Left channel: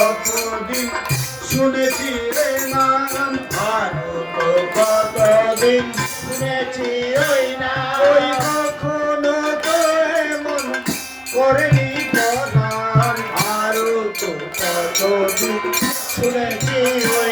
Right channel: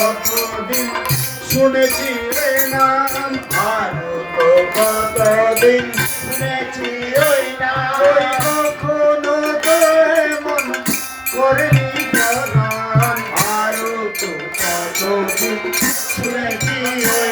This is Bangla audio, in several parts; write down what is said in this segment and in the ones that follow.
কতদিন শুনেছি রে নাম ভারত কতদিন শুনেছি ওই না ওই কখনো তো এমন করেনি প্রণাম ভারত কতদিন শুনেছি ওই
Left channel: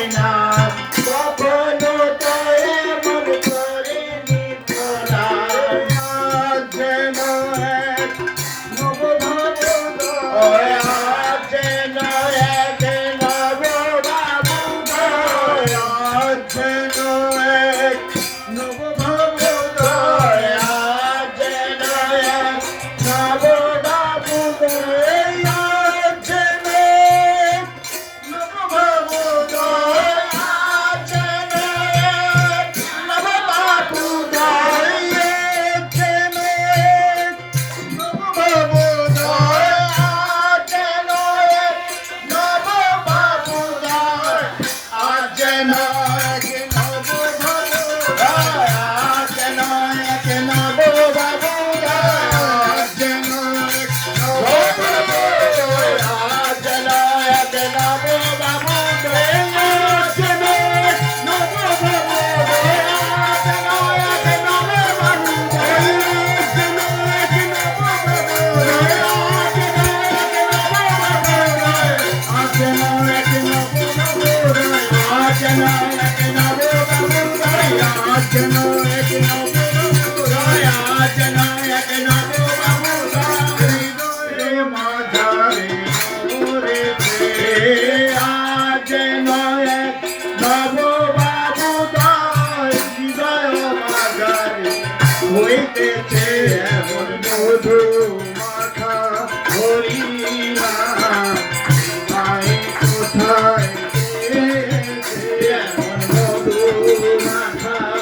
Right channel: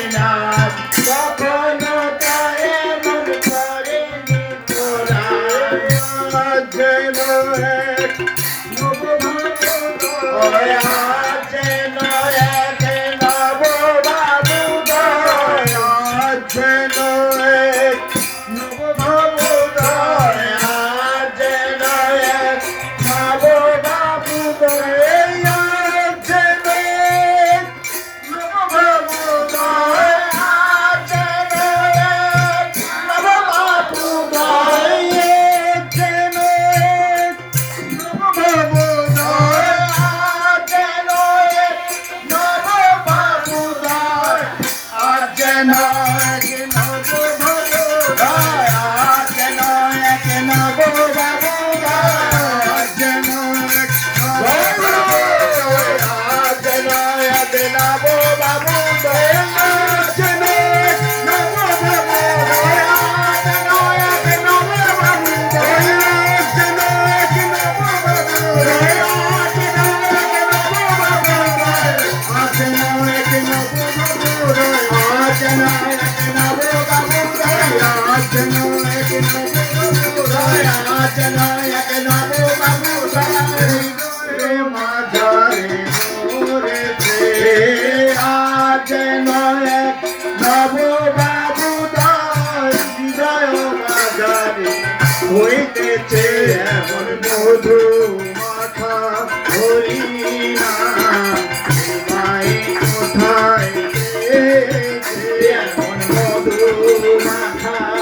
Hallelujah. রাখা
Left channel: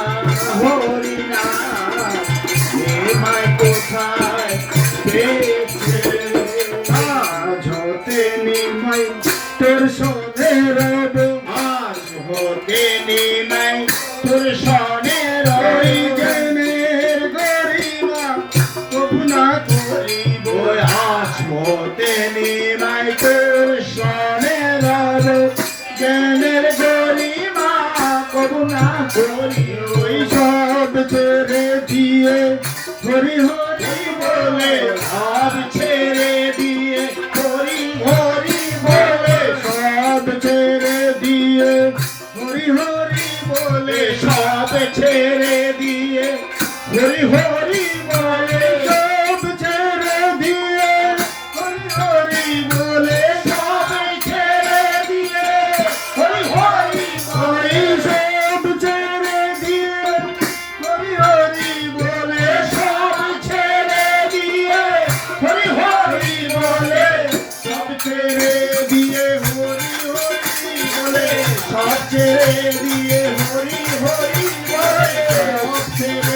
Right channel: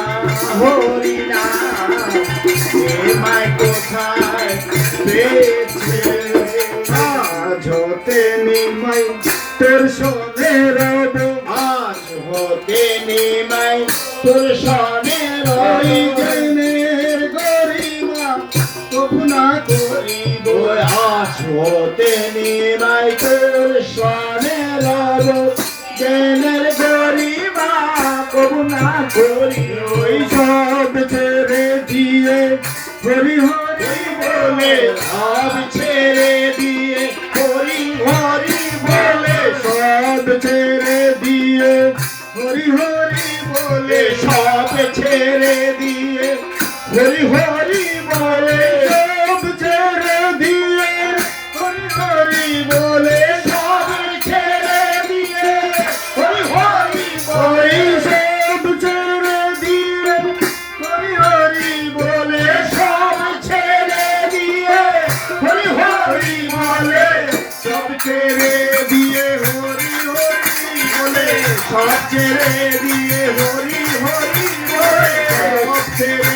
ছেড়ে দিয়ে হরি হরি ছেড়ে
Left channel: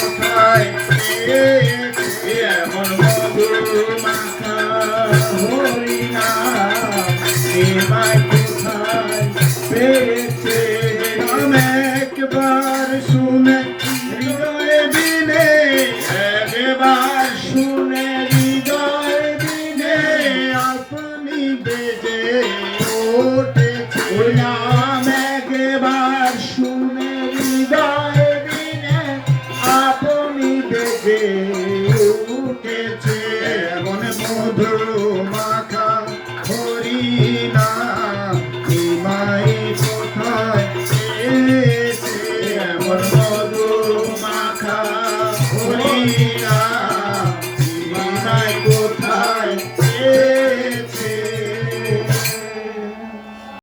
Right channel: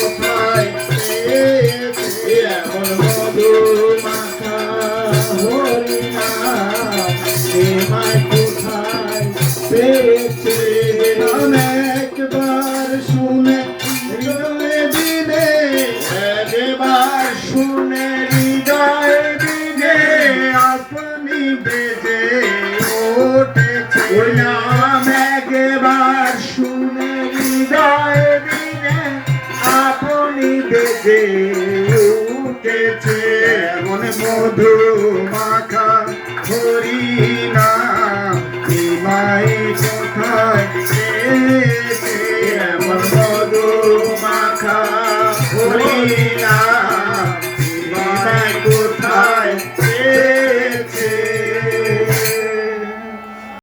কোথায়